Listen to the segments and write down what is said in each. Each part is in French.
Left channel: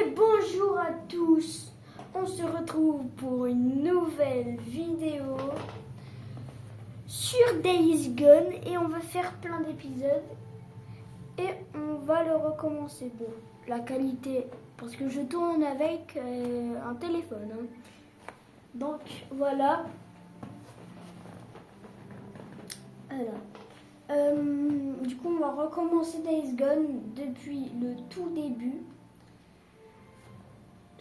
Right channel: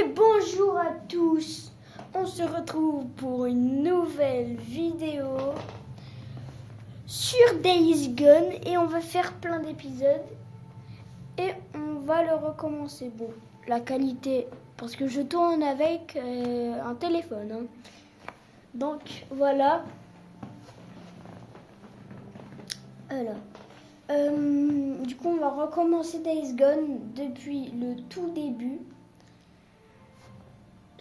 Et bonjour à tous, on se retrouve pour une nouvelle vidéo sur Days Gone et on va faire plein d'épisodes et on va le recommencer. Bon, la qualité, parce que je tourne avec un téléphone, hein. Donc voilà. Alors, du coup on va recommencer Days Gone depuis le tout début.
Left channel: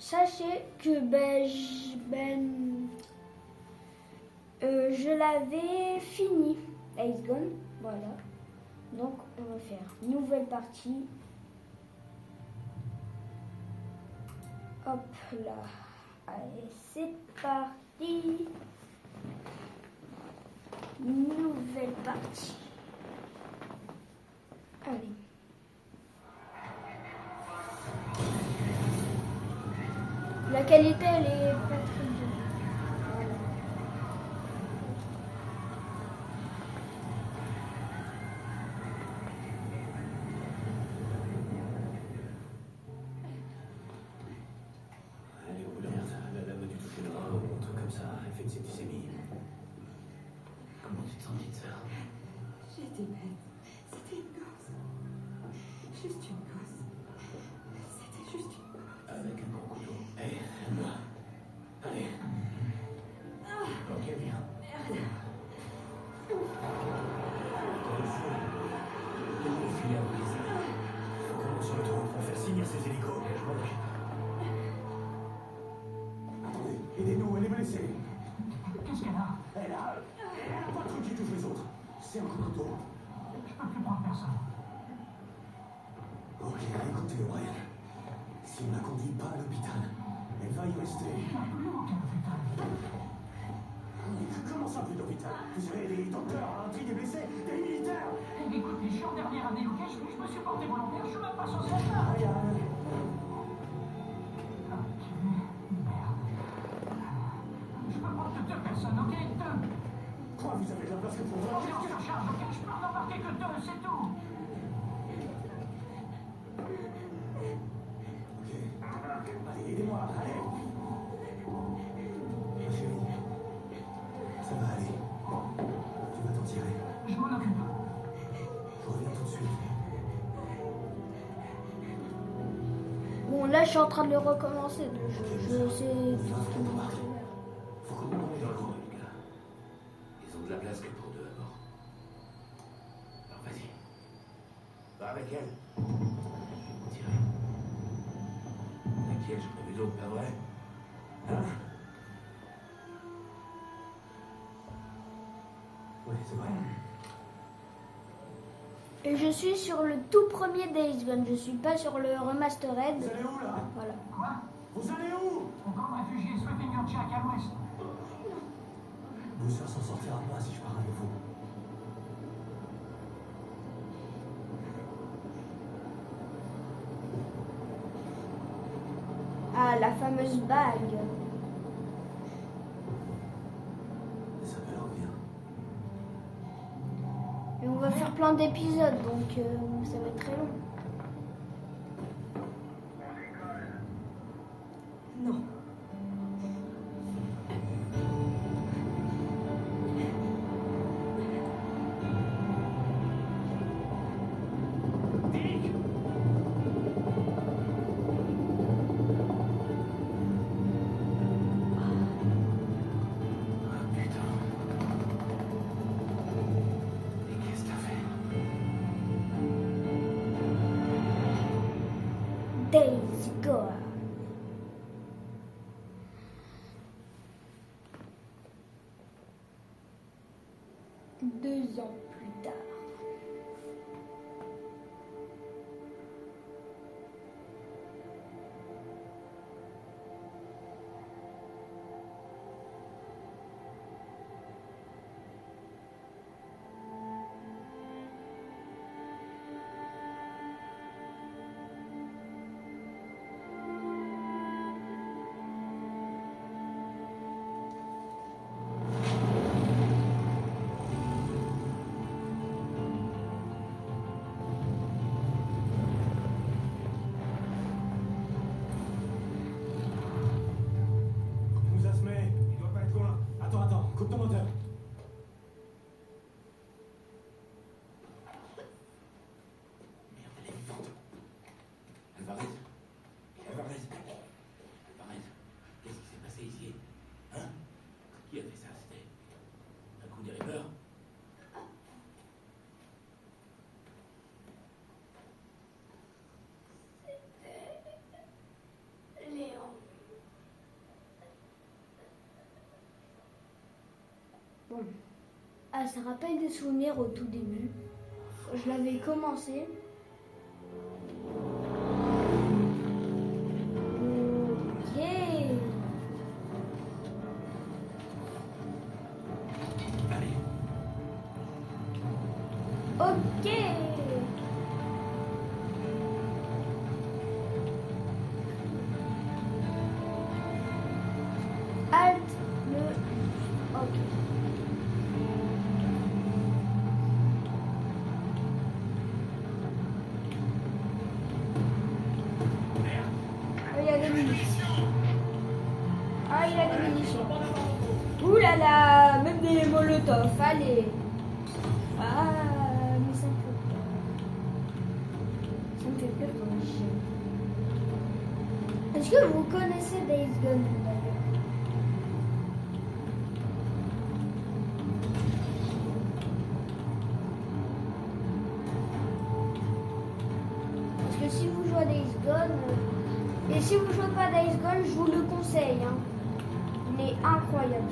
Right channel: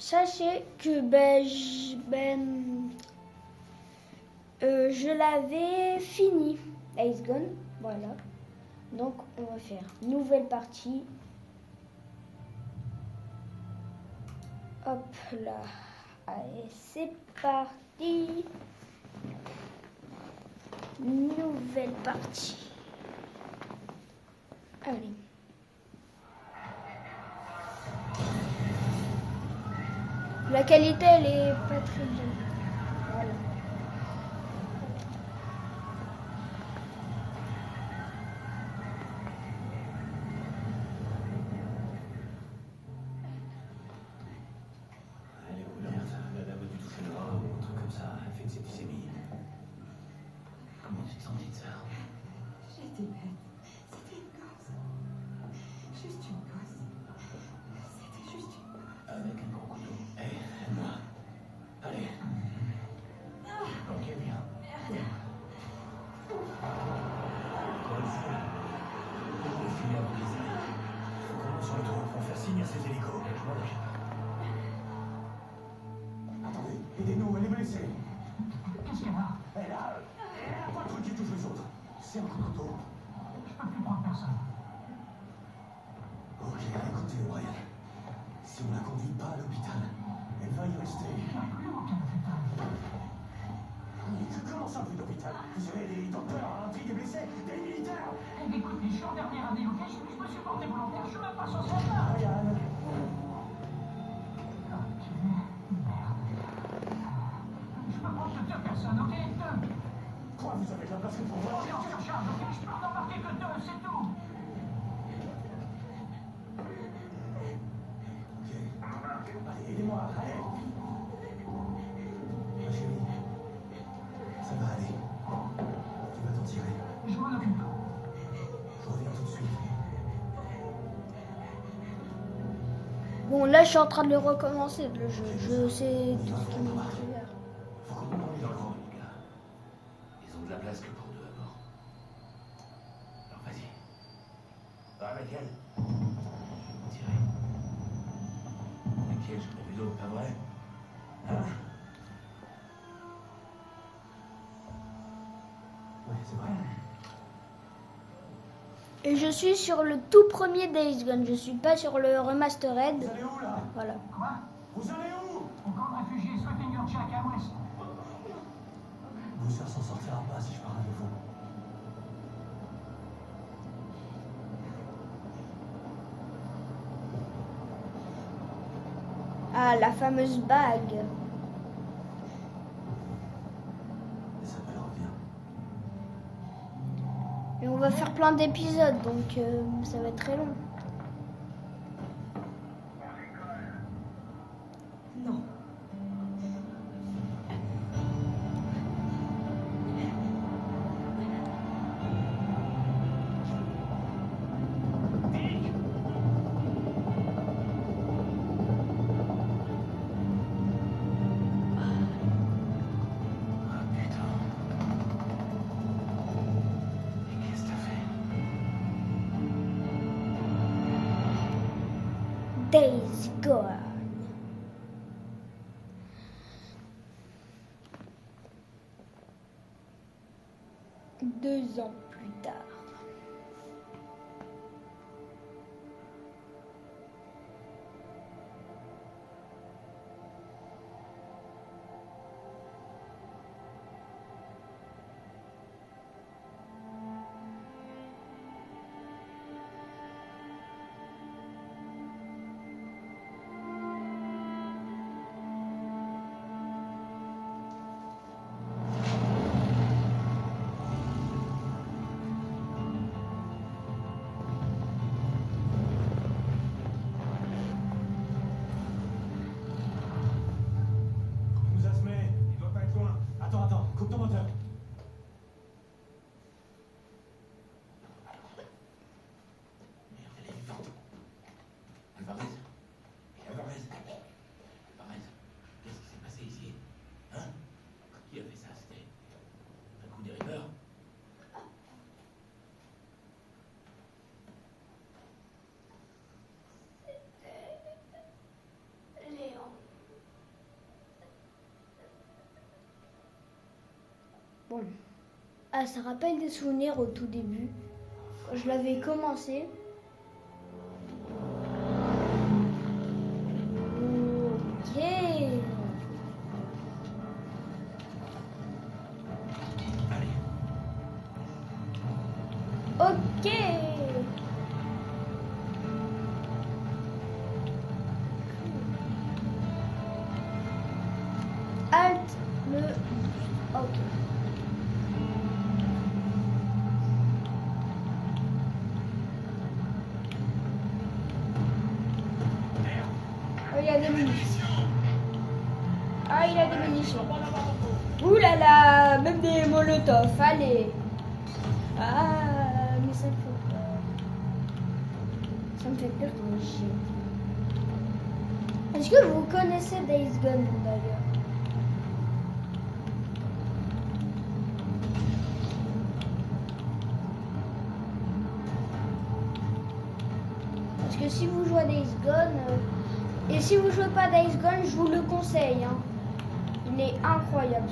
Sachez que je l'avais fini, Days Gone, voilà. Donc on va faire nouvelle partie. Hop là, allez c'est parti. Nouvelle partie. Allez. La qualité, elle est pas très bien. Voilà. Elle avait dû toucher le rein ou un truc comme ça, elle fait que c'est septicémie. Comment tu te sens, petite sœur? J'étais bête. C'était une gosse. Juste une gosse. C'était juste une gosse. Avec un gros couteau. Hé, moi. Allez. Ok, viens. Encore une fois. Le filet à briser. Faut qu'on se retrouve pour faire signe à ces hélicos. Attendez, aidez-nous, elle est blessée. Qu'est-ce qu'elle a? Elle a... pas le truc qui touche les autres. C'est un coup de couteau. Je peux plus prendre personne. Ok, écoutez, O'Brien. Si on la conduit pas à l'hôpital, elle va y rester. Il n'y a plus aucun hôpital. Comment ça, plus d'hôpital? Vous avez des docteurs, un tri des blessés, des militaires. Eh, écoute, je suis en dernière année, ok? Je me suis porté volontaire, je suis même pas censé être là. Ryan. Ok, merde. Je peux prendre que 2 personnes, ok? 2. Quoi, vous avez de la place que pour On moi? est en surcharge, ok? Je peux en embarquer que 2, c'est tout. Ok. Allez, aidez-moi, allez. Ma chérie, ça va aller. Tu vas t'en tirer. Je m'en occupe. Je reviens tout de suite. Bon, là je suis en train de le recommencer le jeu. Je sais tout ce qui m'est arrivé. Faut qu'on ait dans le monde, les gars. Ils ont de la place que pour deux à bord. Alors vas-y. Va avec elle. Tirez. T'inquiète, j'en ai vu d'autres, pas vrai? Hein? Ouais, c'est vrai. Et je suis sur le tout premier Days Gone, je suis pas sur le remastered. Vous allez où, là? Voilà. Quoi? Vous allez où? Au camp de réfugiés Sweeping Your Jack à l'ouest. Booster s'en sortira pas si je pars avec vous. Ah, la fameuse bague. Et ça va leur revenir. Et on va faire plein d'épisodes, donc ça va être très long. Non. Ah putain. Et qu'est-ce que t'as fait? Days Gone. Deux ans plus tard. Bon. Ah, ça rappelle des souvenirs au tout début. Je l'avais commencé. Ok. Allez. Ok. Alt le. Ok. Ah, il y a des munitions. Ah, il a des munitions. Ouh là là, même des molotovs, allez. Ah, mais ça me fait peur. Ça me fait peur comme chien. Est-ce que vous connaissez Days Gone d'ailleurs? Parce que si vous jouez à Days Gone, et si vous jouez pas à Days Gone, je vous le conseille. Hein. Il est incroyable.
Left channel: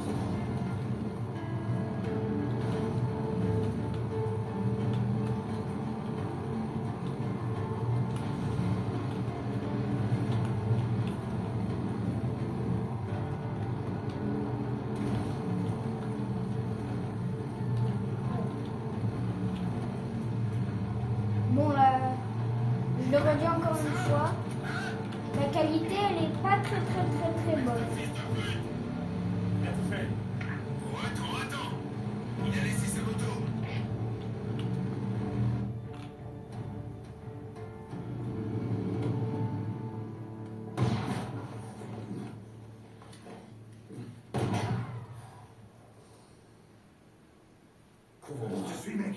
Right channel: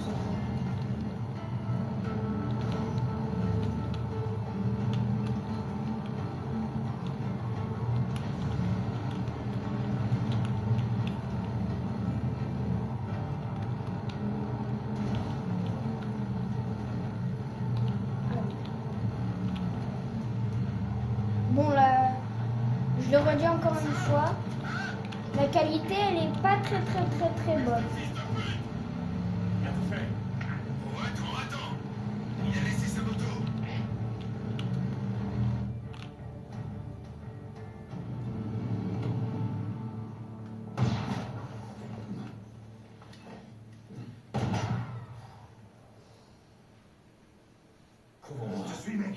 Bon là, je le redis encore une fois, la qualité elle est pas très bonne. Bien tout fait. Oh, attends. Il a laissé sa moto. Comment tu suis, mec?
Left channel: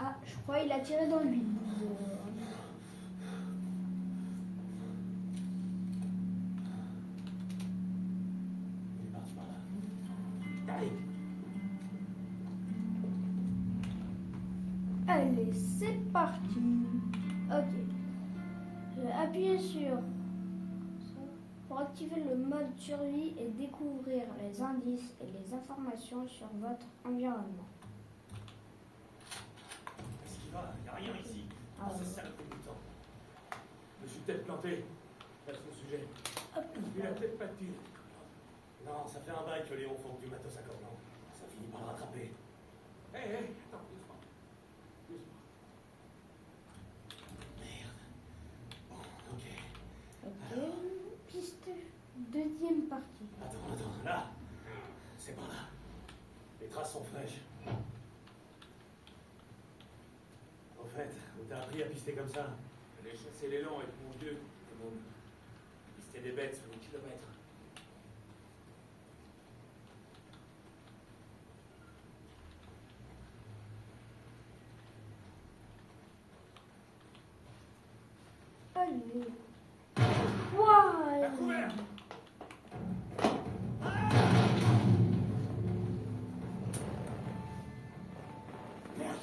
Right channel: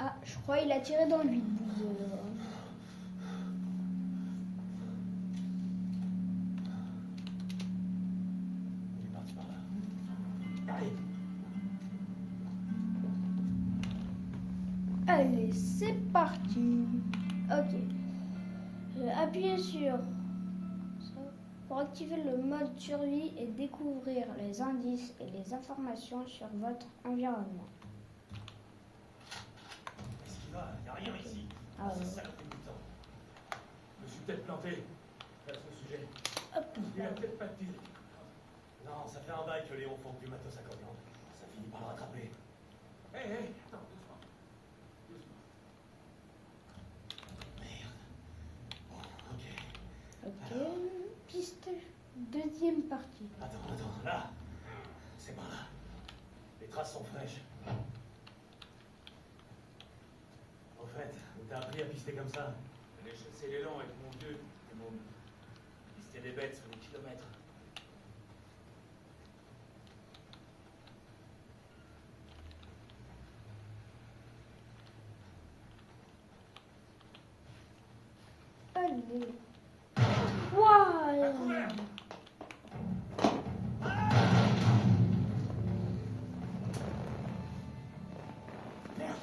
Ah, je crois qu'il a tiré dans lui. Il est parti par là. Allez. Allez, c'est parti. Ok. Appuyez sur ça pour activer le mode survie et découvrir les indices et les informations sur votre environnement. Qu'est-ce qu'il va? Il n'y a rien ici. Ah ouais. C'est ça le fait du temps. Je me suis peut-être planté. Pas trop sujet. Hop. Il a peut-être pas de tir. Non, ça fait un bail que Léon fonde du matos à Coblan. Ça finit par le rattraper. Hé, attends, doucement. Merde. Bon, ok. Ok. Piste deuxième partie. Attends, là. C'est par là. Les traces sont fraîches. En fait, on t'a appris à pister comme ça. J'allais chasser l'élan avec mon vieux, comme on pistait des bêtes sur les kilomètres. Allez. À Wow. couvert. Merde.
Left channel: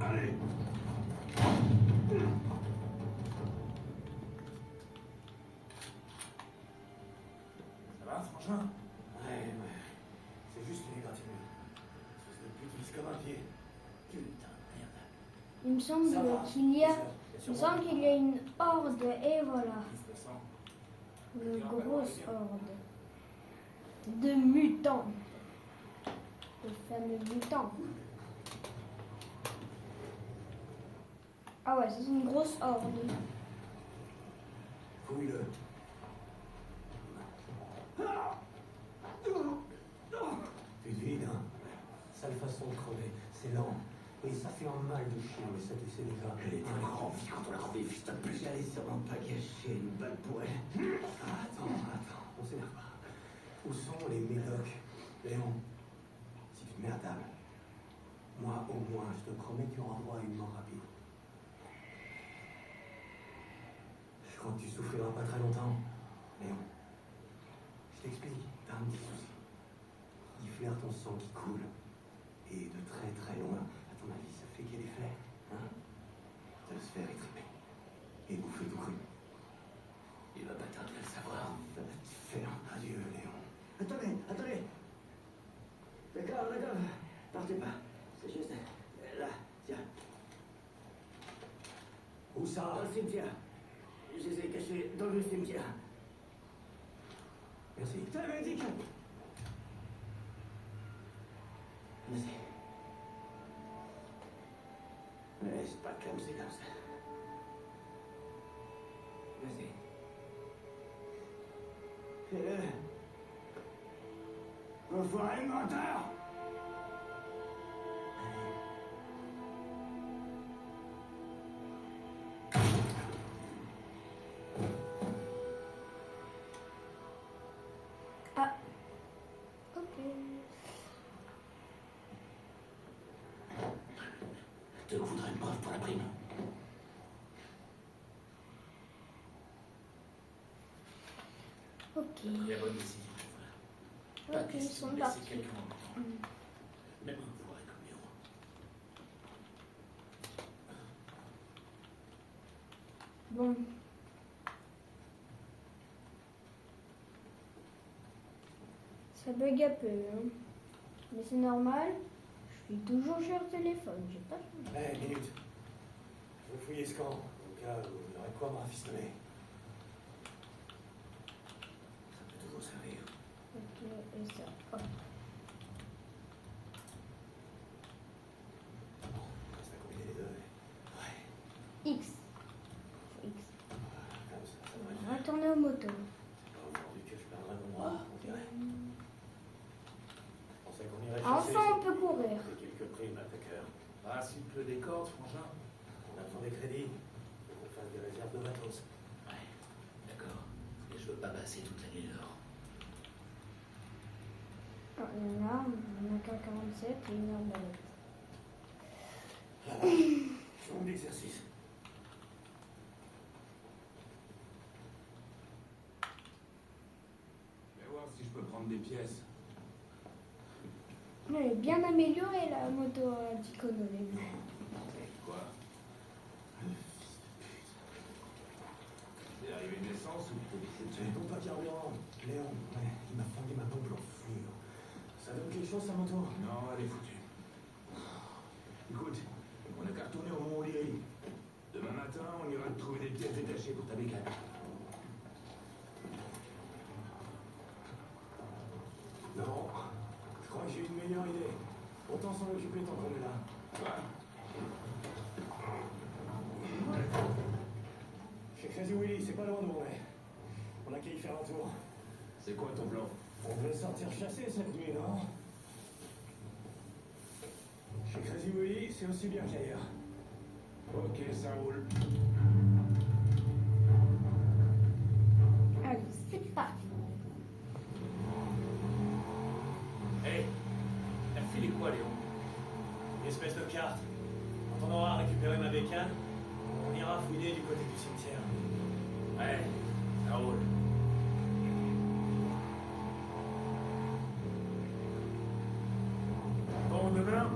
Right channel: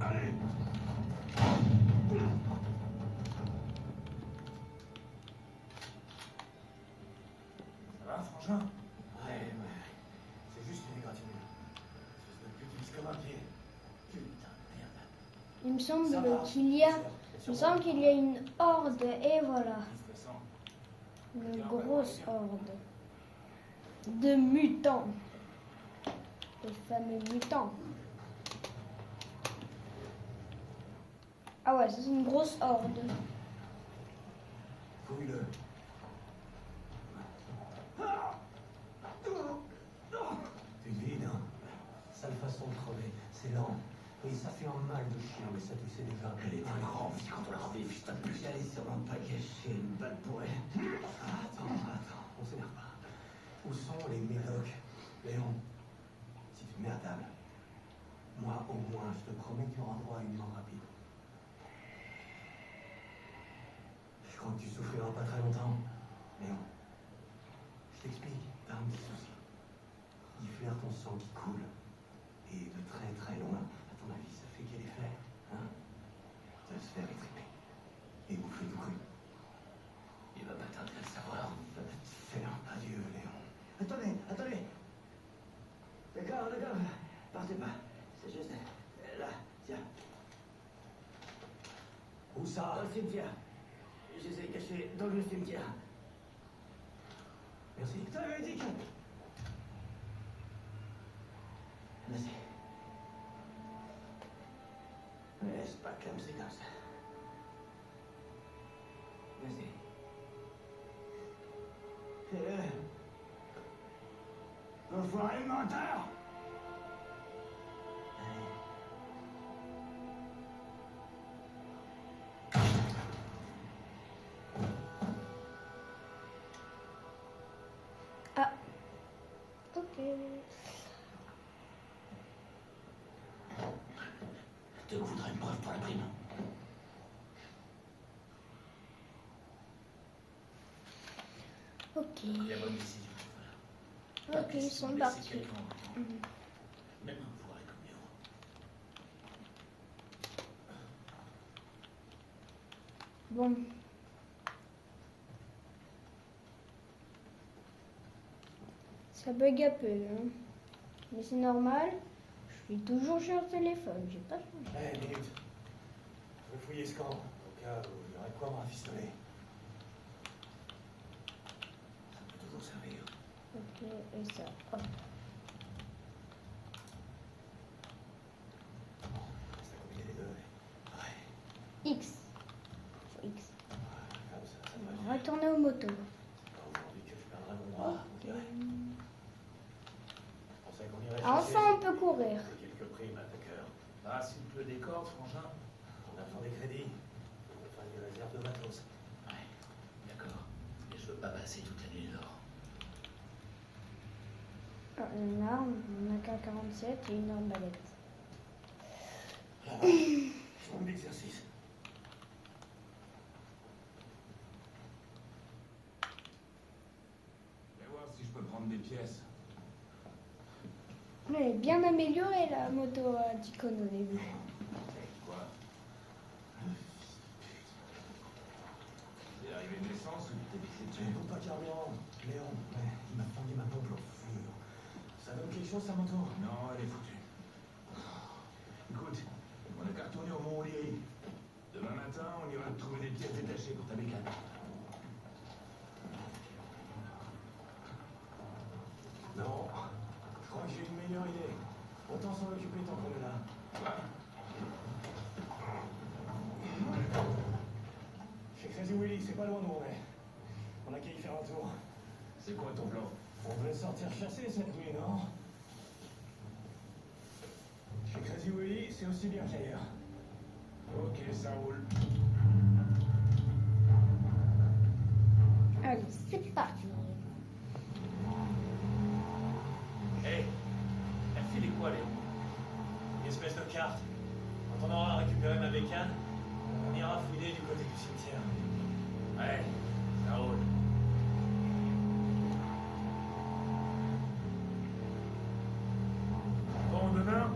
Allez. Ça va, frangin? Ouais. C'est juste une égratignure. Espèce de pute vise comme un pied. Putain, merde. Il me semble Ça va. qu'il y a, Bien il me sûr. semble qu'il y a une horde et voilà, De toute façon, une grosse horde de mutants, les fameux mutants. Ah ouais, c'est une grosse horde. fouille-le. Tu es vide, hein? Sale façon de crever, c'est lent. Et ça fait un mal de chien, mais ça tu sais déjà. Elle est très grande vie quand on la revit, t'as plus. J'allais sûrement pas gâcher une balle pour elle. Attends, on s'énerve pas. Où sont les médocs? Léon, si tu te mets à table, moi au moins, je te promets que tu auras droit à une mort rapide. Je crois que tu souffriras pas très longtemps, Léon. Je t'explique, t'as un petit souci. Il flaire ton sang qui coule. Et de très loin, à ton avis, ça fait quel effet, hein? De se faire étriper. Et bouffer tout cru. Il va pas tarder Où ça? Dans le cimetière. Je les ai cachés dans le cimetière. Merci. Putain, vas-y. Vas-y. Mais c'est pas comme c'est dans ça. Vas-y. Fais-le. Enfoiré menteur! Ah. Ok. Te voudrais une preuve pour la prime. Ok. La bonne décision. Ok, ils sont partis. Même un foiré comme Léon. Bon. Ça bug un peu, hein. Mais c'est normal. Je suis toujours sur le téléphone, j'ai pas changé. Hé, minute. Vous fouillez ce camp, au cas où vous aurez quoi me rafistoler. Ça peut toujours servir. Ok, et ça. Hop. Ça combiner les deux. Ouais. X. Sur X. Voilà, comme ça devrait Je faire. vais retourner aux motos. C'est pas aujourd'hui que je perdrai mon noir, on dirait. Je pensais qu'on irait Enfin, chasser. on peut courir. J'ai quelques primes à cœur. Ah, s'il pleut des cordes, frangin. On a besoin des crédits. Faut qu'on fasse des réserves de matos. Ouais, d'accord. Mais je veux pas passer toute l'année dehors. Ah, il y en a, on a qu'un 47 et une arbalète. Là, chambre d'exercice. Je vais voir si je peux prendre des pièces. Mais elle est bien améliorée la moto d'icône au début. Quoi? C'est arrivé une essence ou t'es vissé J'ai dessus? bon pas carburant. Léon, ouais, il m'a flingué ma pompe en fou. Ça donne quelque chose, sa moto? Non, elle est foutue. Écoute, on a qu'à retourner au Mont O'Leary. Demain matin, on ira te trouver des pièces détachées pour ta bécane. Non, je crois que j'ai une meilleure idée. Autant s'en occuper tant qu'on est là. Chez Crazy Willy, c'est pas loin d'où on est. On a qu'à y faire un tour. C'est quoi ton plan? On devait sortir chasser cette nuit, non? Chez Crazy Willy, c'est aussi bien qu'ailleurs. Ok, ça roule. Allez, c'est parti. Hé, t'as filé quoi, Léon? Une espèce de carte. Quand on aura récupéré ma bécane, on ira fouiller du côté du cimetière. Ouais, ça roule. Bon, demain,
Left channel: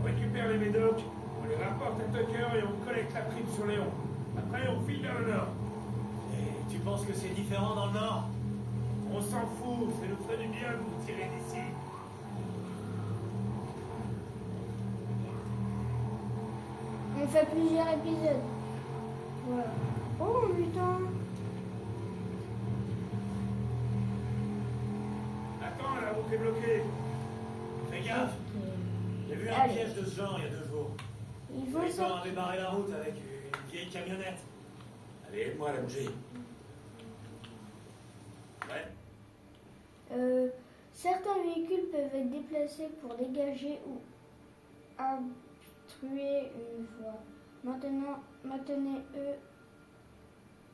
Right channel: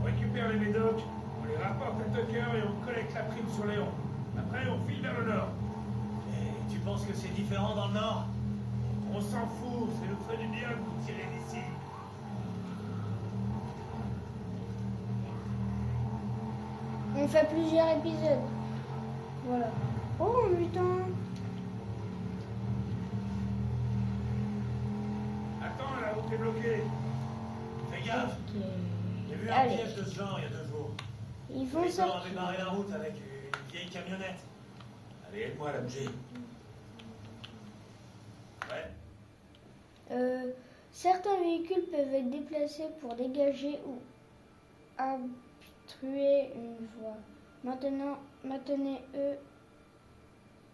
on récupère les médocs, on les rapporte à Tucker et on collecte la prime sur Léon. Après, on file vers le nord. Et tu penses que c'est différent dans le Nord? On s'en fout, c'est nous ferait du bien de nous tirer d'ici. On fait plusieurs épisodes. Voilà. Oh putain. Attends, la route est bloquée. Fais gaffe! Ok. J'ai vu un Allez. piège de ce genre il y a 2 jours. Ils vont Les gens sortir. avaient barré la route avec une vieille camionnette. Allez, aide-moi à la bouger. Ouais. Certains véhicules peuvent être déplacés pour dégager ou obstruer une voie. Maintenant, maintenez-eux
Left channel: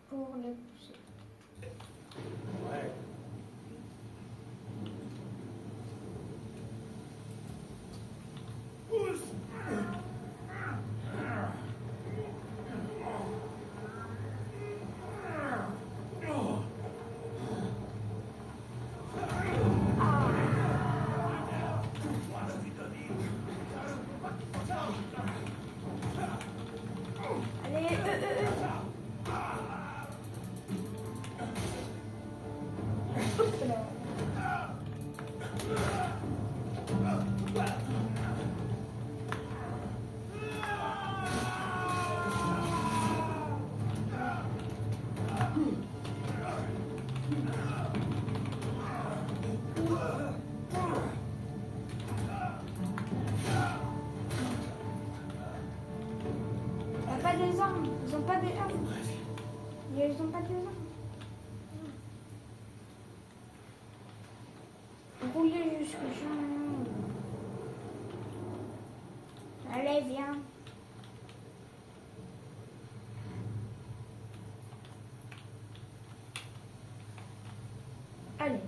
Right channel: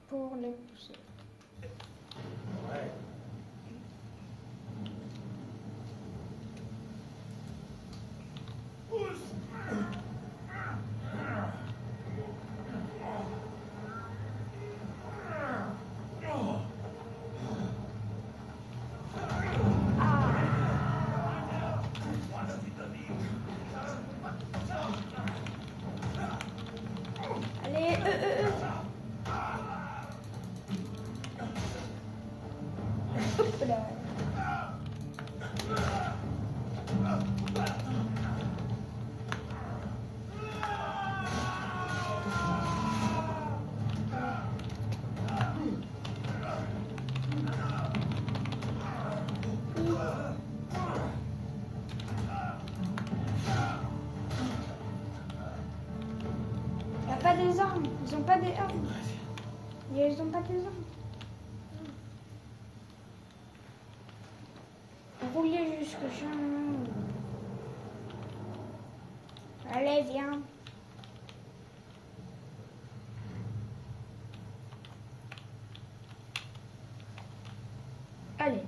pour les pousser. Ouais. Pousse! Allez, des armes. Ils ont pas des armes. Mais ils ont pas des armes. Rouillez jusque chez nous. Allez, viens. Allez.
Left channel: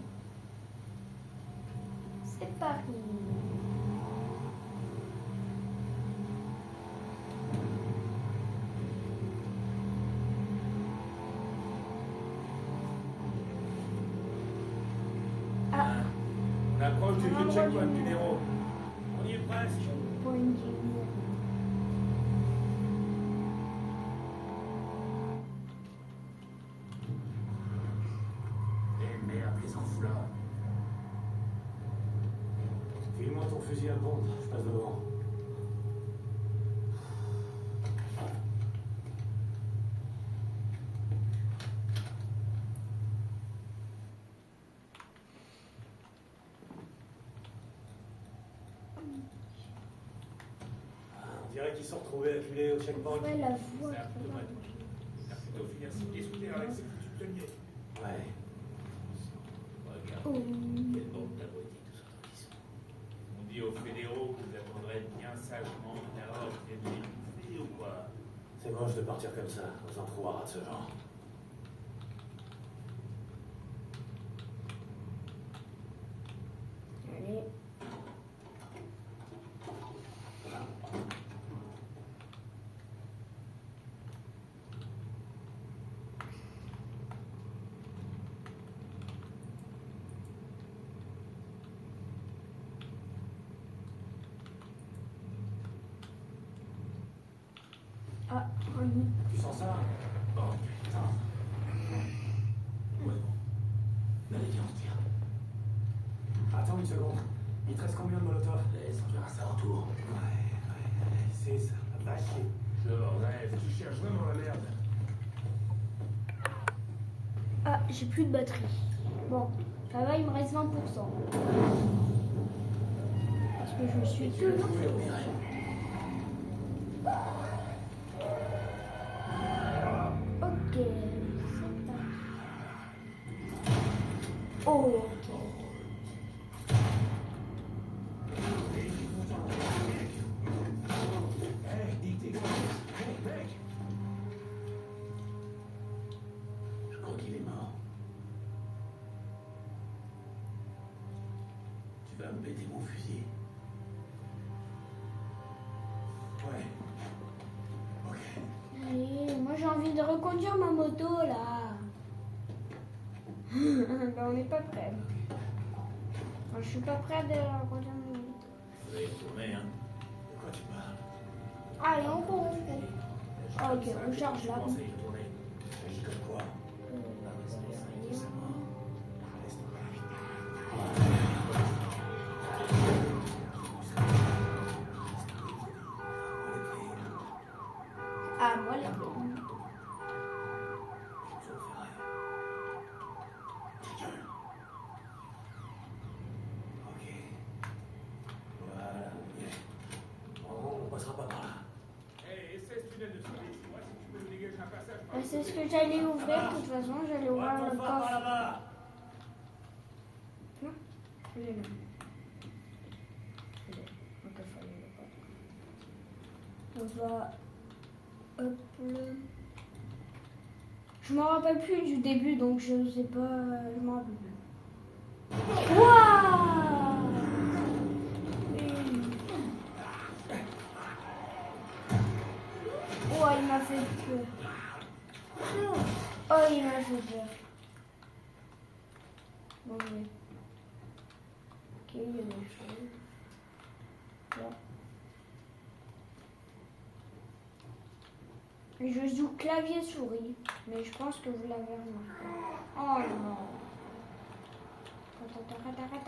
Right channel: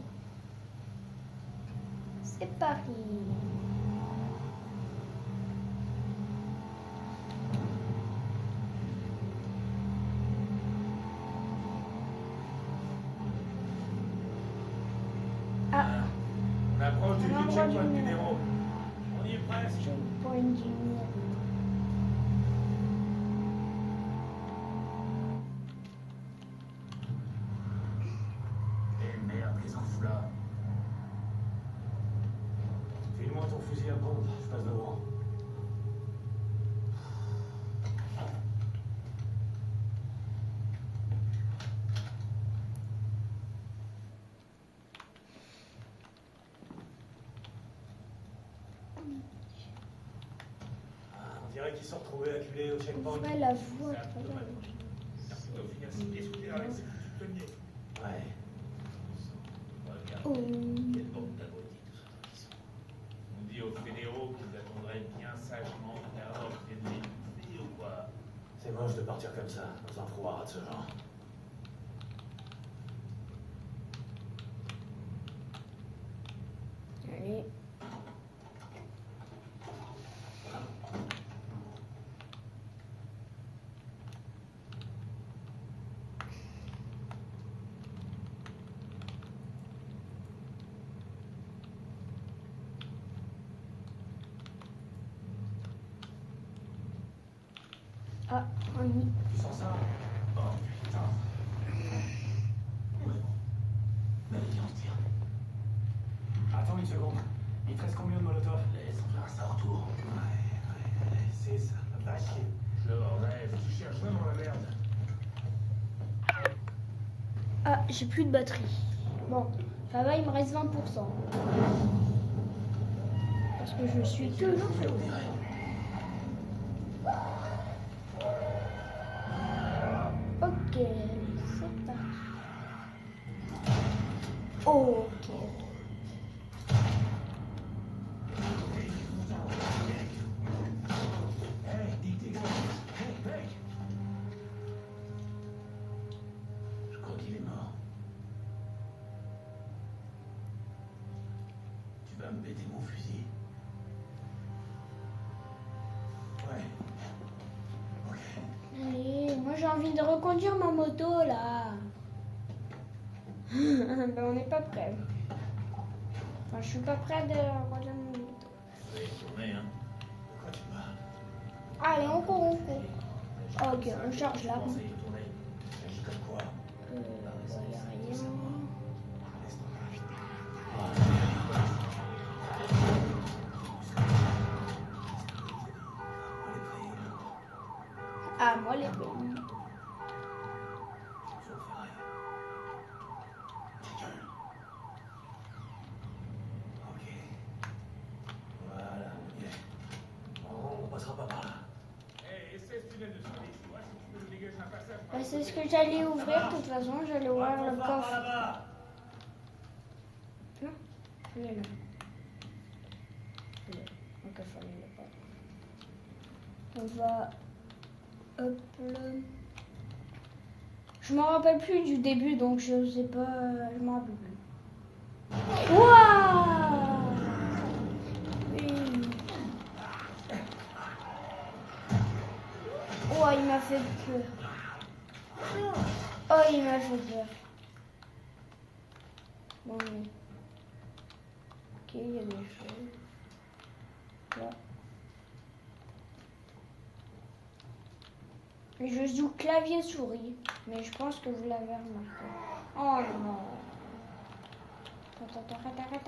C'est parti. Ah, On approche du On envoie checkpoint du- numéro. On y est presque. checkpoint numéro. Eh merde, les enfoulards. File-moi ton fusil à pompe, je passe devant. On dirait qu'ils sont retrouvés acculés au checkpoint. Ouais, la voix. C'est un peu mal. Merci de finir si discuter avec ce foutu pionnier. Ouais. Regarde, Oh. quel bon abruti tous ceux qui sont. On dit aux fédéraux qu'ils attendraient bien sagement l'erreur qui est délivrée ou quoi. C'est moche de partir comme ça, dans un trou à rat de ce genre. Allez. Ah, oui. Tu sens ça? Oh putain. Ouais, bon. Mais allez, viens, on se tire. Attends une seconde. Il te reste combien de molotov? Laisse, on verra ça en retour. Ouais, c'est ça. Va chier. Je rêve, tu cherches vraiment la merde. Ah, j'ai plus de batterie. Bon, ça va, il me reste 20%. Parce que je suis toujours On dirait. Ok, c'est parti. Ok. Hey, dis tes gars. Hey, mec. Je crois qu'il est mort. Tu vas me péter mon fusil. Ouais. Ok. Allez, moi j'ai envie de reconduire ma moto là. Ben, on n'est pas prêt. Enfin, je suis pas prêt de reconduire ma moto. Je vais y retourner, hein. De quoi tu parles? Allez, on court, on court. Ah, ok, on charge là. Commence à y retourner. Agis comme quoi? Laisse Ah, moi les bonnes. Je ne fais rien. Ta gueule. Ok. Voilà. On passera pas par là. Hey, essaie ce tunnel de survie. Moi, si tu peux nous dégager un passage. Bah, c'est ce que j'allais ouvrir, de toute façon, j'allais ouvrir le coffre. là-bas. Non, il est là. Il est là. Le coffre, il est là. On va... Hop là. Je me rappelle plus du début, donc je sais pas... Je me rappelle plus. Waouh! Oui. Oh, il m'a fait peur. Oh, il m'a fait peur. Bon, oui. Ok, il y a des choses. Là. Je joue clavier souris, mais je pense que vous l'avez remarqué. Oh non. Attends, arrête.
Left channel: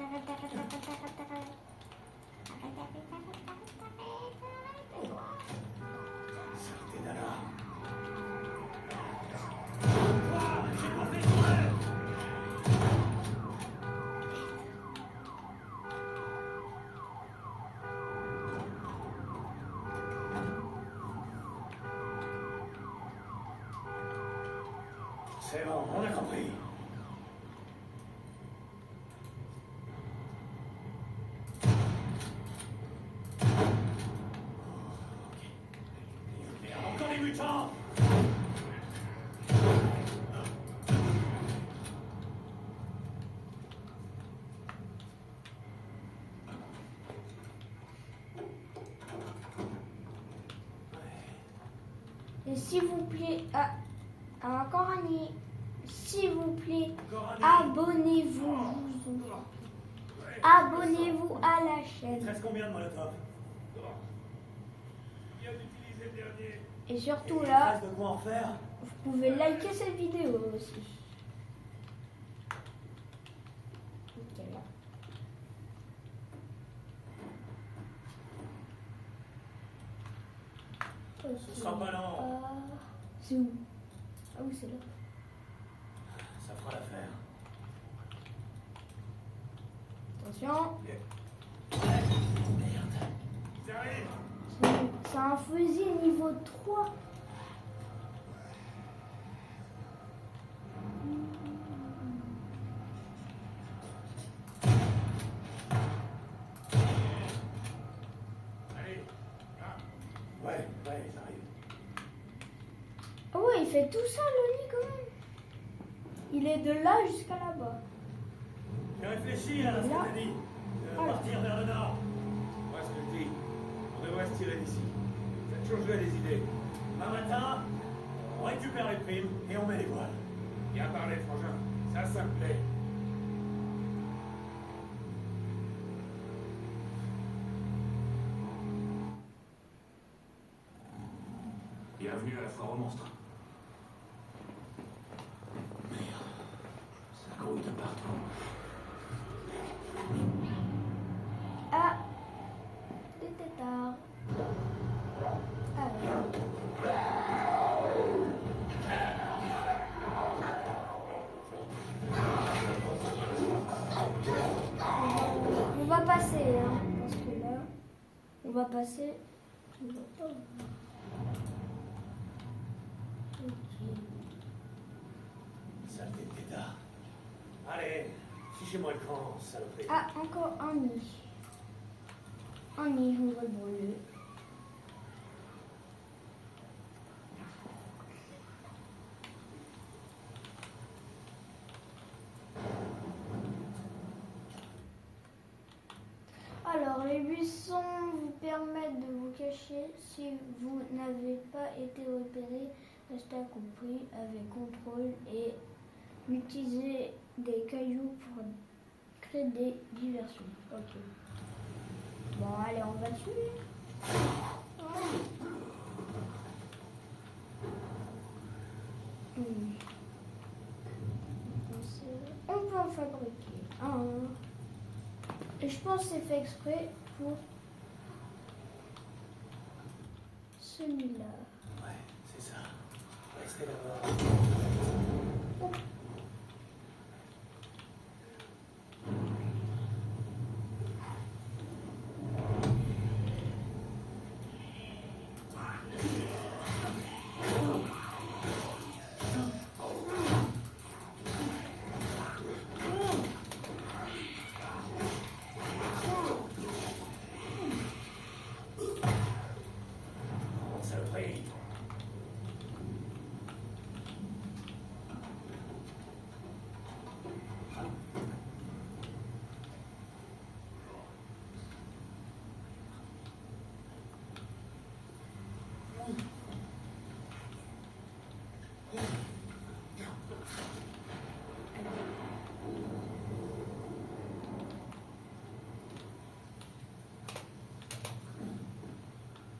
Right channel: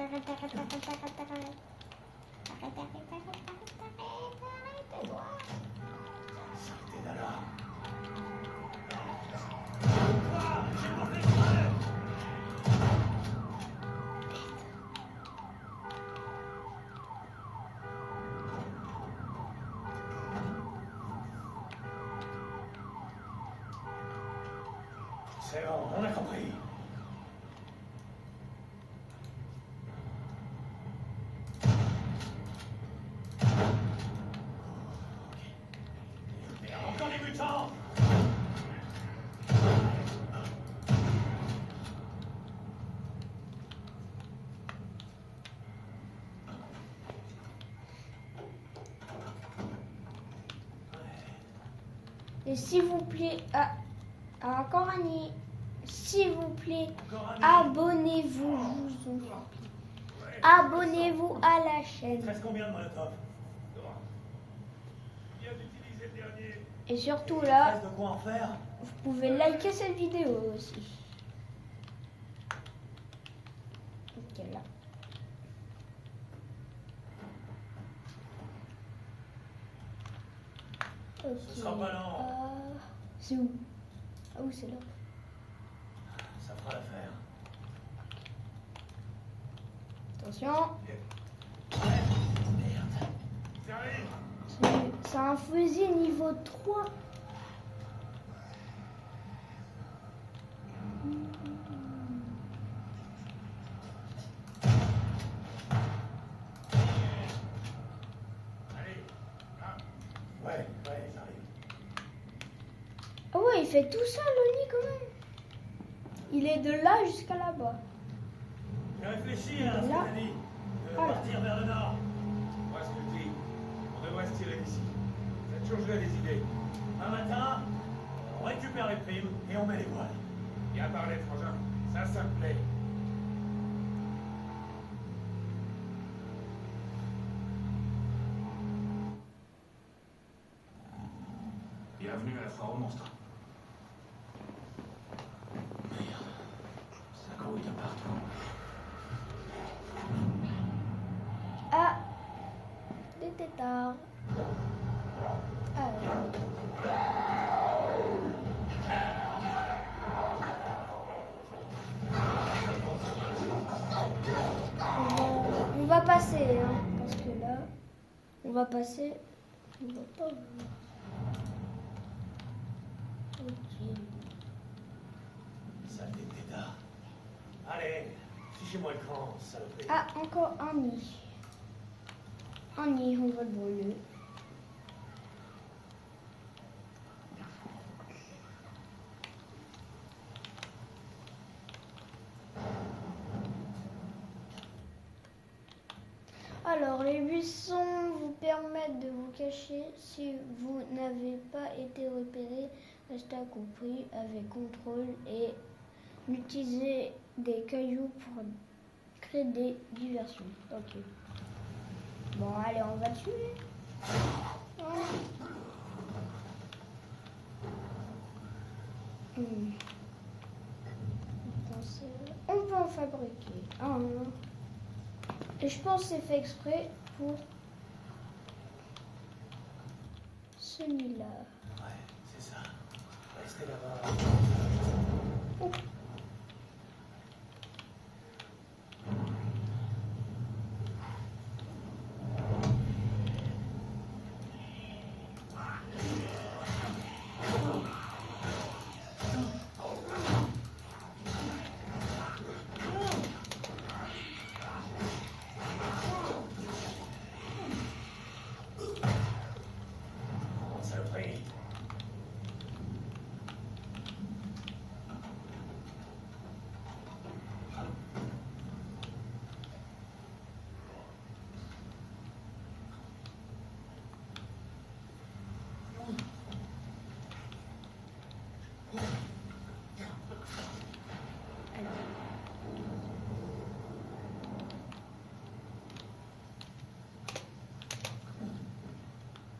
Sortez d'alarme. C'est bon, on a compris. Merde, encore des mutants! Et s'il vous plaît, encore un nid. S'il vous plaît, Encore un nid. abonnez-vous. je vous en prie. Abonnez-vous à la Il chaîne. te reste combien de molotov? Viens d'utiliser le dernier. Et surtout Il te là, reste de quoi en faire? vous pouvez liker cette vidéo aussi. Ok, là. Ok, Ce sera pas long. c'est où? Ah oui, c'est là. Ça fera l'affaire. Attention, Merde. J'arrive. c'est un fusil niveau 3. Allez. Ah. Ouais, j'arrive. Ah ouais, il fait tout ça le nid quand même. Il est de là jusqu'à là-bas. J'ai réfléchi à ce que t'as dit. De partir vers le nord. Moi, ce que je dis, on devrait se tirer d'ici. Cette chose-là des idées. Un matin, on récupère les primes et on met les voiles. Bien parlé, frangin. Ça me plaît. Bienvenue à la foire aux monstres. Ça grouille de partout. Ah, des tétards. Alors. On va passer, hein, parce que là, on va passer. On va pas voir. Ok. Sale des pétards. Allez, fichez-moi le camp, saloperie. Ah, encore un nid. Un nid, on va le brûler. Alors, les buissons vous permettent de vous cacher si vous n'avez pas été repéré. Restez compris avec contrôle et utilisez des cailloux pour créer des diversions. Ok. Bon, allez, on va le tuer. Hmm. On peut en fabriquer un. Et je pense que c'est fait exprès pour celui-là. Ouais, c'est ça. Restez là-bas. Saloperie.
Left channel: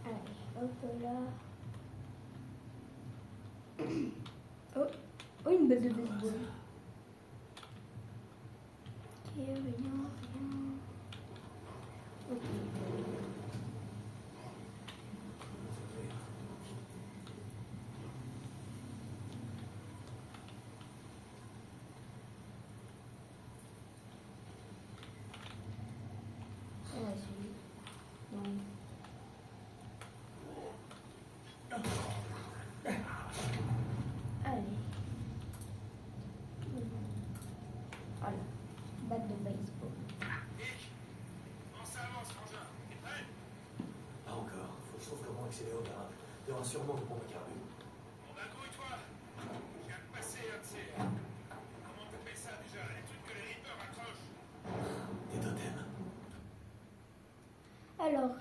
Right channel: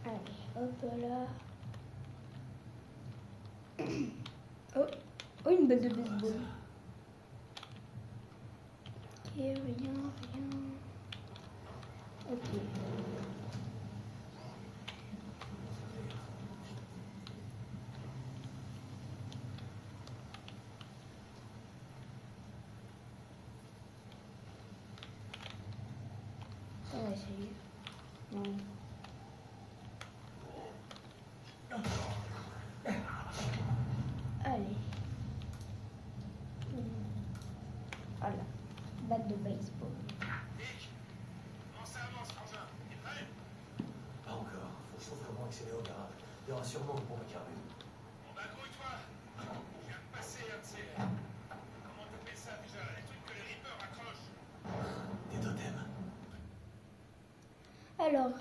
Allez, hop là. Oh, oh une balle de baseball. Ok, rien. Ok. On va essayer. Non. Allez. Il y aura sûrement une pompe à carburant. Bon bah grouille-toi. Je viens de passer un de ces... Comment t'appelles ça déjà? Les trucs que les Reapers accrochent. Des totems. Alors,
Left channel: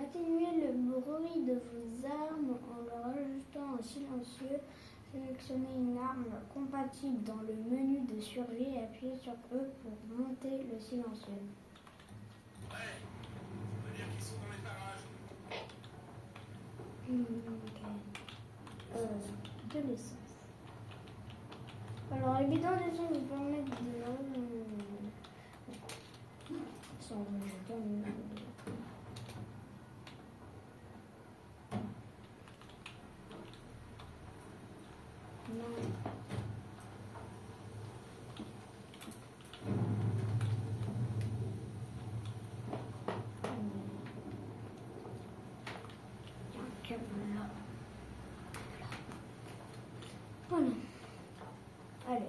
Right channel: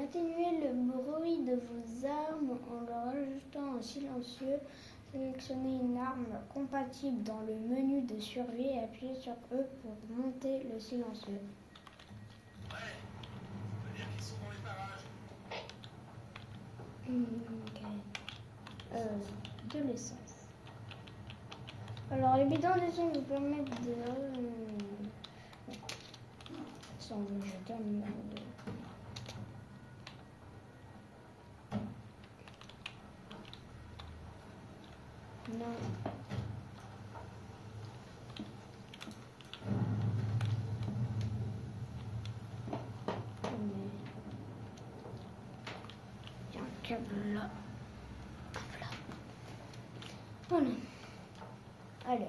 atténuez le bruit de vos armes en leur ajustant un silencieux. Sélectionnez une arme compatible dans le menu de survie et appuyez sur E pour monter le silencieux. Ouais. Ça veut dire qu'ils sont dans les parages. Ok. De l'essence. Alors, les bidons d'essence vous permettent de... Sans me jeter en... Là. Voilà. Allez.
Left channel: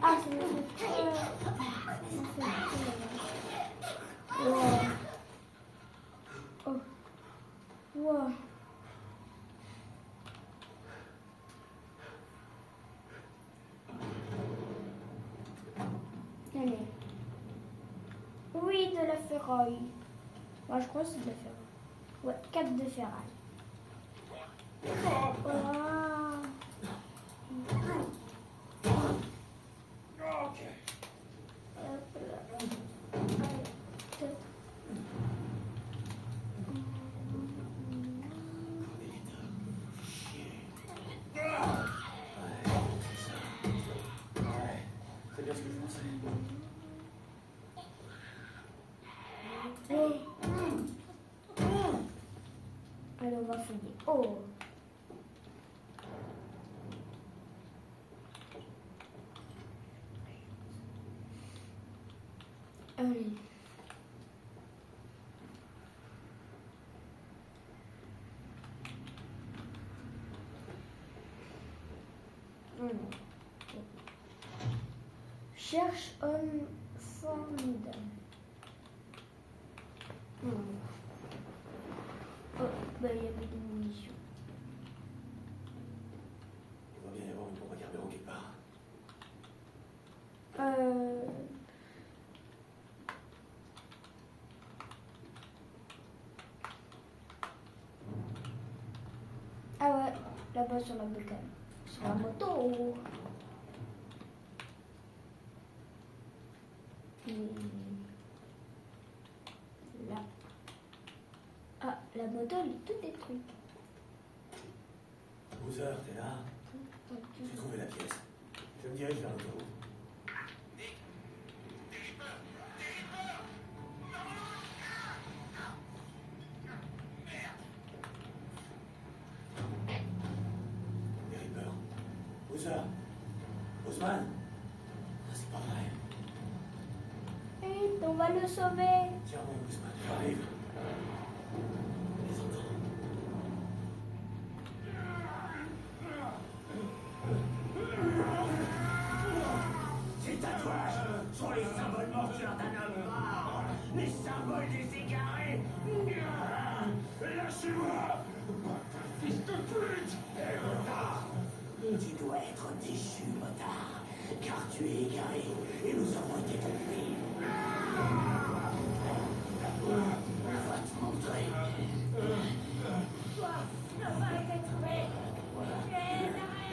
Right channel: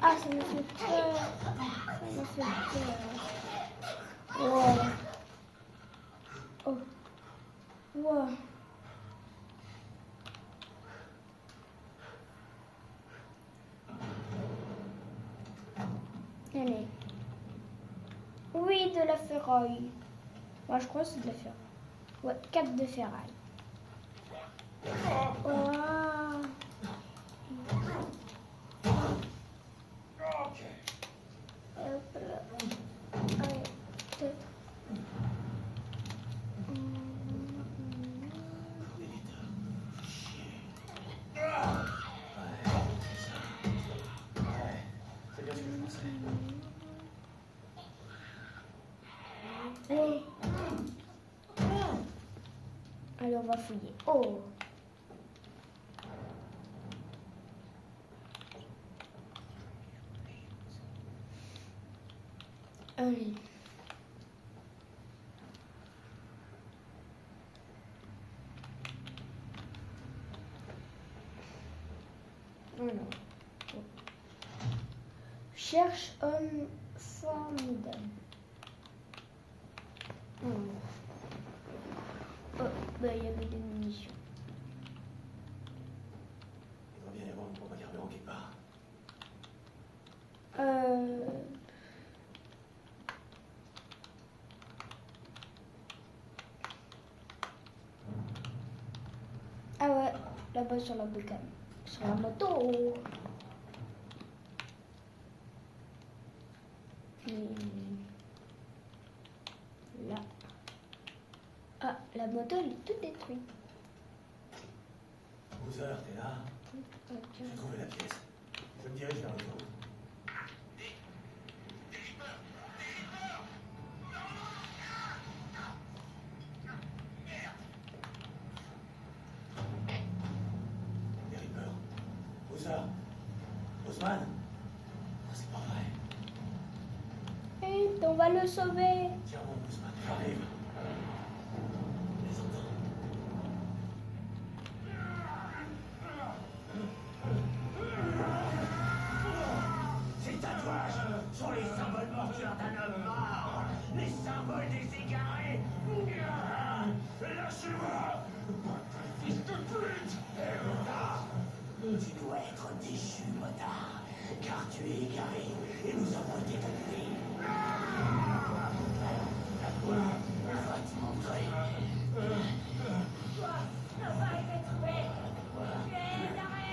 Ah, ça me fait peur. Ça me fait peur. Wow. Oh. Wow. Allez. Oui, de la ferraille. Moi, je crois que c'est de la ferraille. Ouais, 4 de ferraille. Wow. Ok. Hop là. Allez, top. C'est bien ce que je pensais. Allez. Allez, on va fouiller. Oh. Allez. Cherche homme formidable. Oh, bah il y avait des munitions. Il va bien y avoir une pompe à carburant quelque part. Ah ouais, là-bas sur la bécane. Sur la moto. Et là. Ah, la moto, elle est toute détruite. Bowser, t'es là? J'ai trouvé la pièce. Je me dirige vers l'autoroute. Des Reapers. Bowser. Osman. Ah, c'est pas vrai. Vite, on va le sauver. Tiens bon, Osman, j'arrive. Je les entends. Ces tatouages sont les symboles mortuaires d'un homme mort. Les symboles des égarés. Lâchez-moi! Fils de pute! Tu dois être déchu, motard, car tu es égaré et nous avons été compris. Va te montrer. Toi, ne pas été trouvé. Tu es égaré.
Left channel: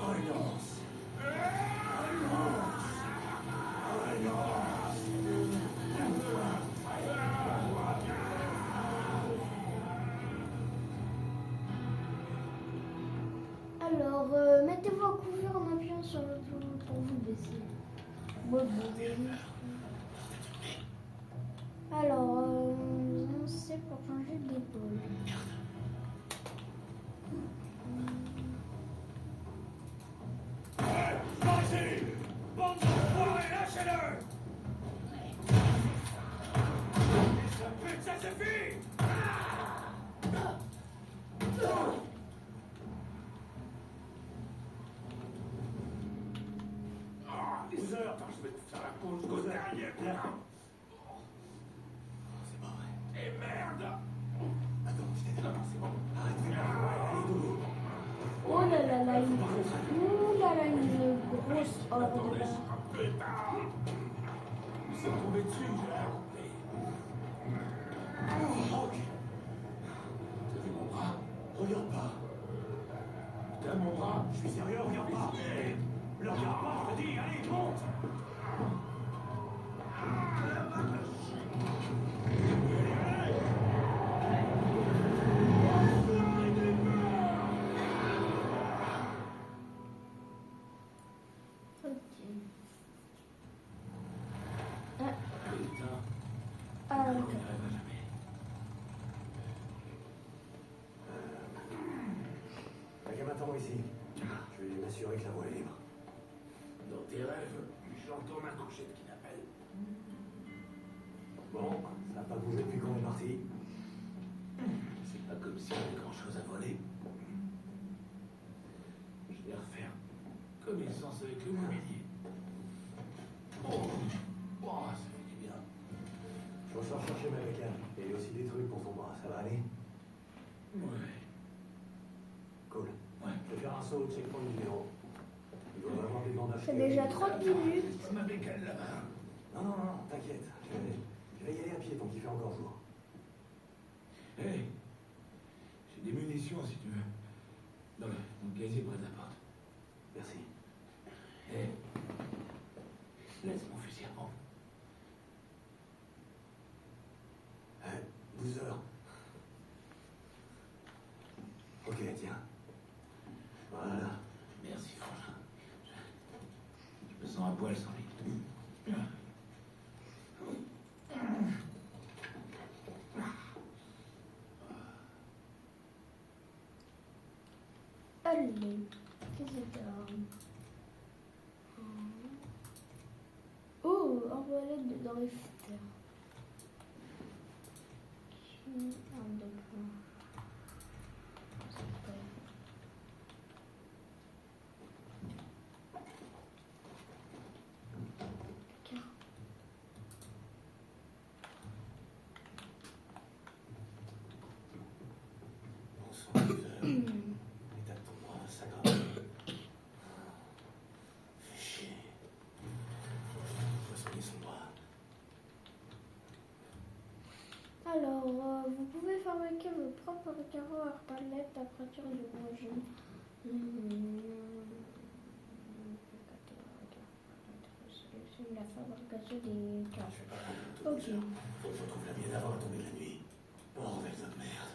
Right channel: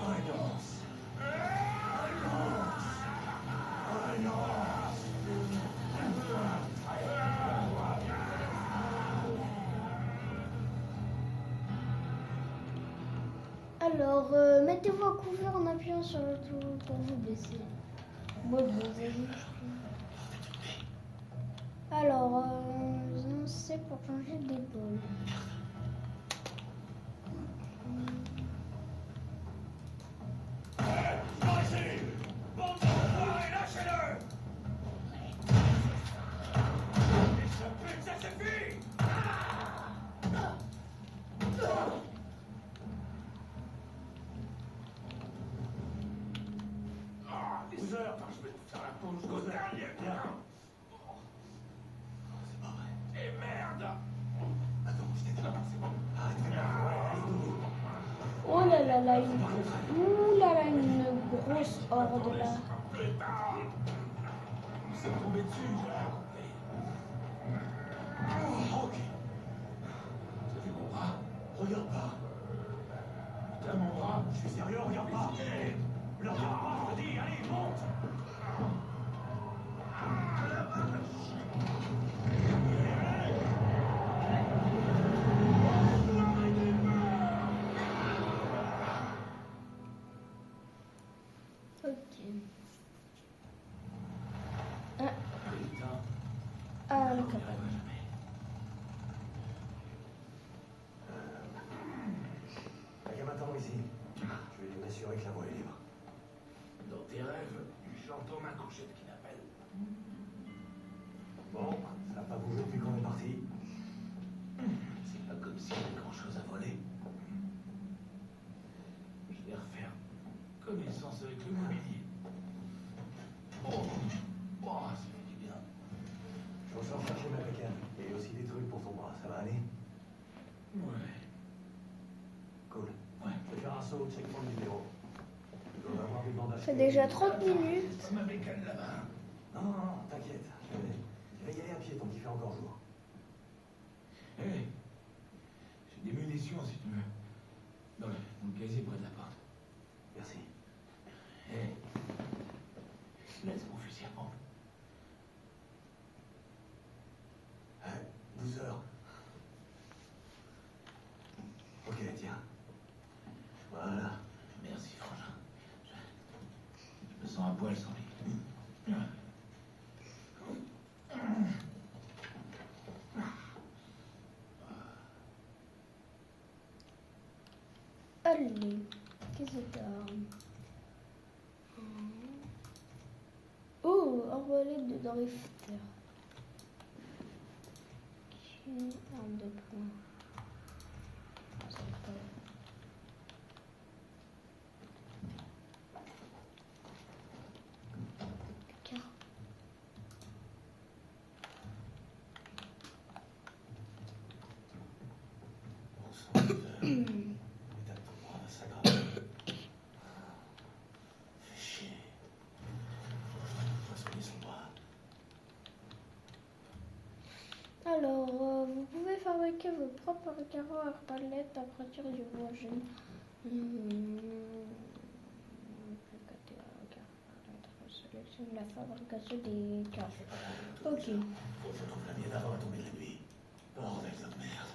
Renonce. Alors, mettez-vous à couvert en appuyant sur le tour pour vous baisser. Moi, vous avez... tomber dessus, j'ai rien compris. Oh, ok. T'as vu mon bras? Regarde pas. T'as mon bras? Je suis sérieux, regarde pas. Le regarde pas, je te dis, allez, monte. Ok. Putain, Ah, on d'accord. n'y arrivera jamais. T'as qu'à m'attendre ici. Je vais m'assurer que la voie est libre. Dans tes rêves, j'entends ma couchette qui l'appelle. Bon, ça n'a pas bougé depuis qu'on est parti. C'est pas comme si on avait grand chose à voler. Je vais refaire connaissance avec le mobilier. Oh, oh, ça fait du bien. Je ressors chercher ma bécane. Et aussi des trucs pour ton bras, ça va aller? Ouais. Cool. Ouais. Je vais faire un saut, check pour le numéro. Il doit y avoir des bandages. C'est déjà 30 minutes. Ma bécane là-bas. Non, t'inquiète. Je vais y aller à pied tant qu'il fait encore jour. Hé, j'ai des munitions si tu veux. Dans le casier près de la porte. Merci. Hé, laisse mon fusil à pompe. 12 heures. Ok, tiens. Voilà. Merci, frangin. Je me sens un poil sans lui. Allez, qu'est-ce que t'as? Oh, arbalète de drifter. Un de points. C'est pas... Car- Bon sang, l'état de ton bras s'aggrave. Fais chier. Faut soigner son bras. Alors, vous pouvez fabriquer vos propres carreaux arbalètes à partir du projet. Sélectionne la fabrication des carreaux. Ok. Faut que je retrouve la mienne avant la tombée de la nuit. Bordel de merde.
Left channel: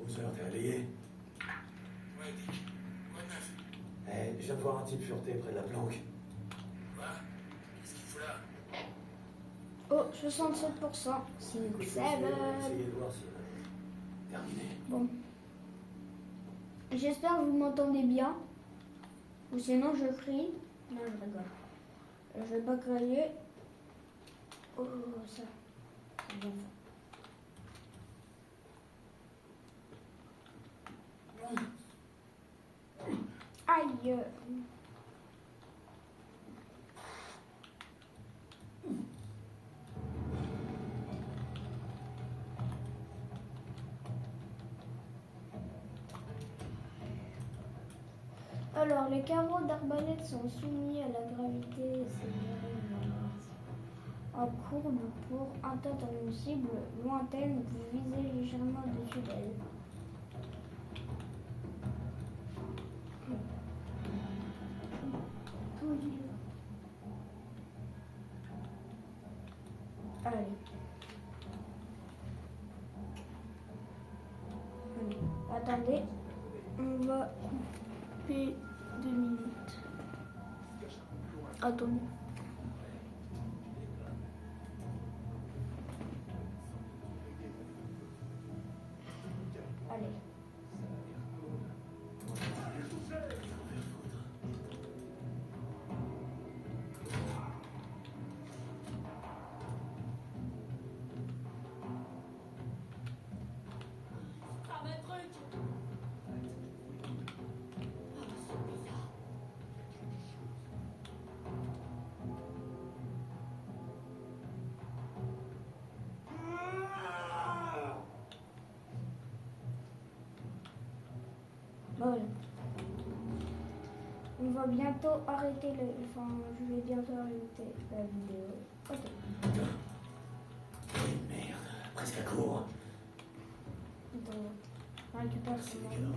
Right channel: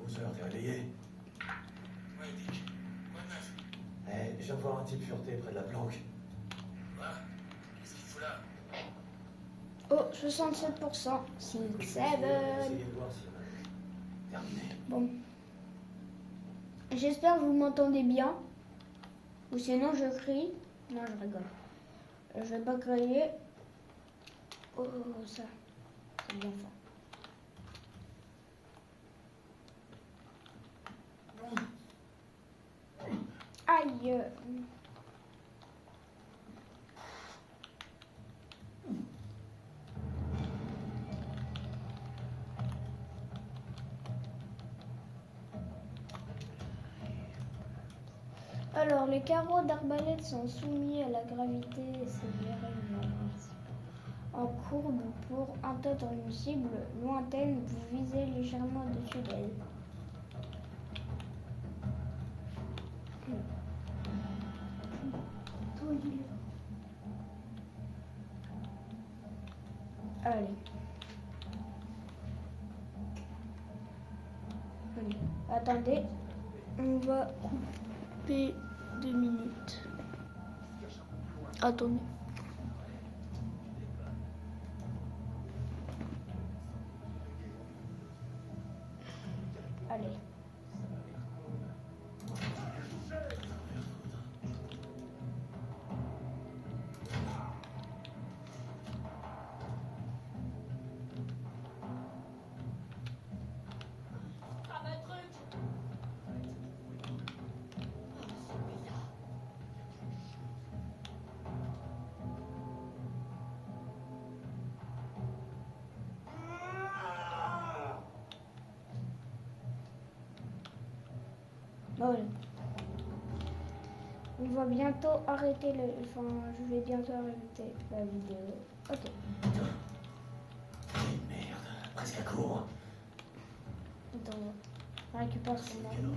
12 heures, t'es réveillé? Ouais, Dick. Quoi de neuf? Je viens de voir un type fureté près de la planque. Quoi? Qu'est-ce qu'il fout là? Oh, 67%. 6, 7. Essayez de voir si on a terminé. Bon. J'espère que vous m'entendez bien. Ou sinon je crie. Non, je rigole. Je vais pas crier. Oh, ça. C'est bien fait. Aïe. Alors, les carreaux d'arbalète sont soumis à la gravité en courbe pour atteindre une cible lointaine, vous visez légèrement au-dessus d'elle. Allez. Allez. Attendez. On va couper 2 minutes. Attendez. Allez. Voilà. On va bientôt arrêter le... Enfin, je vais bientôt arrêter la vidéo. Ok. Merde, presque à court. Attends, on récupère ce moment.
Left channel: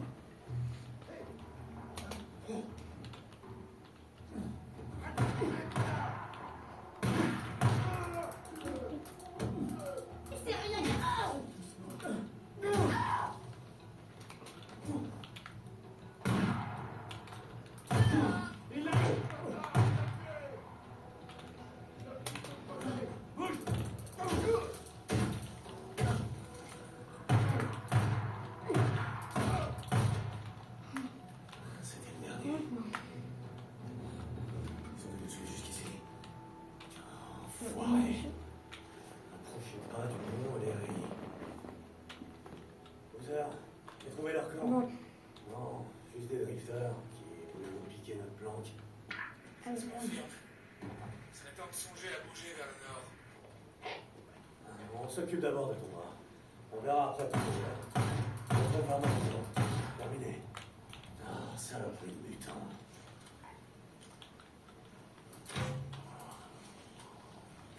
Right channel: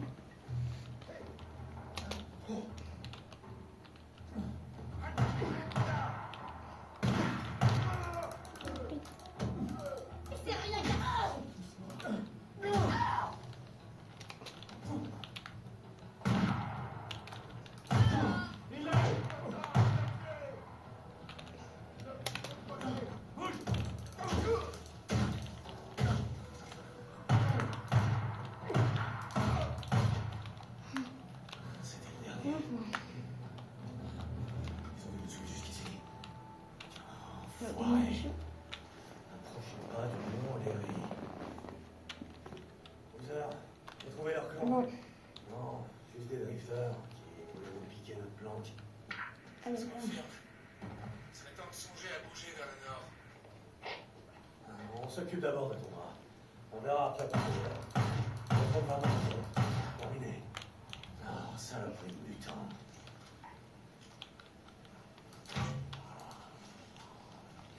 C'était le dernier. Ils ont dû me suivre jusqu'ici. Enfoiré. Approchez pas du mont et des rues. Bowser, j'ai trouvé leur clan. Non. Non, juste des drifters qui voulaient nous piquer notre planque. Ah, C'est serait temps de songer à bouger vers le nord. On s'occupe d'abord de ton bras. On verra après pour Bowser. On va maintenant. Terminé. Ah, saloperie de mutant.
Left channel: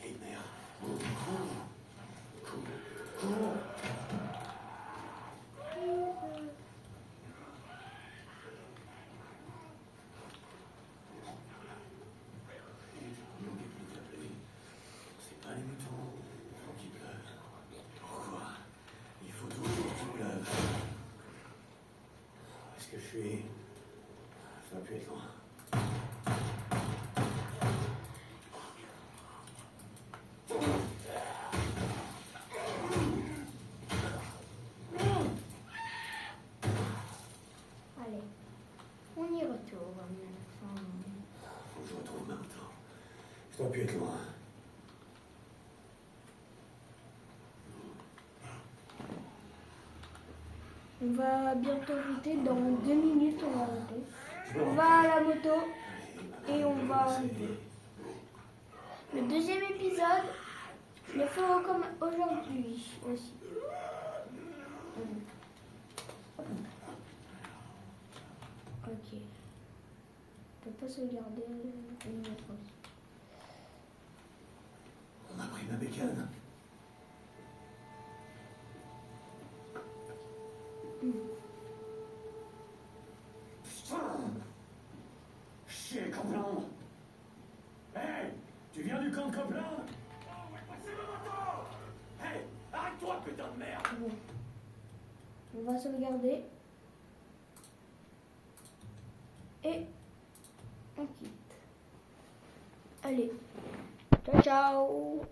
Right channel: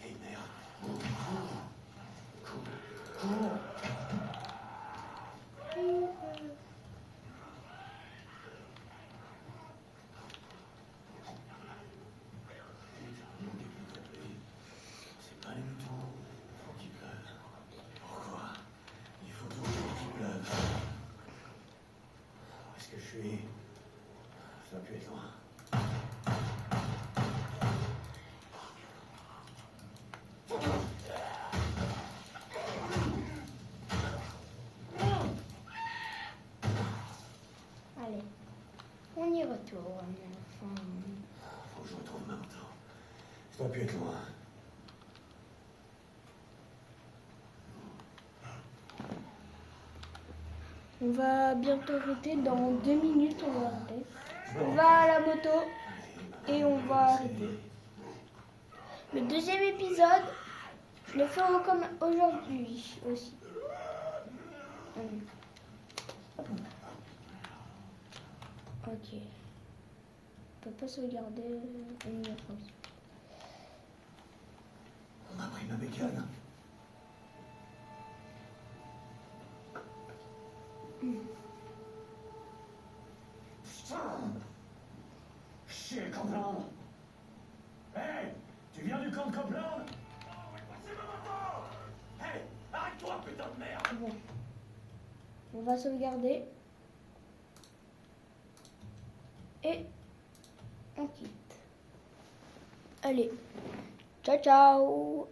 Et merde. Cours. C'est pas les moutons. Faut qu'il pleuve. Pourquoi? Il faut toujours qu'il pleuve. Où est-ce que je suis? Ça doit plus être loin. Allez, on y retourne. Faut que je retrouve ma moto. Ça doit plus être loin. On va bientôt voter. Dans 2 minutes, on va voter. On va à la moto et on va arriver. Le deuxième épisode, je le ferai comme aujourd'hui aussi. Ok. On peut pas sauvegarder une autre chose. On a pris ma bécane. Putain! Chier, Copeland! Hey! Tu viens du camp de Copeland? C'est ma moto! Hey! Arrête-toi, putain de merde! Bon. On va sauvegarder. Et on quitte. Allez. Ciao, ciao!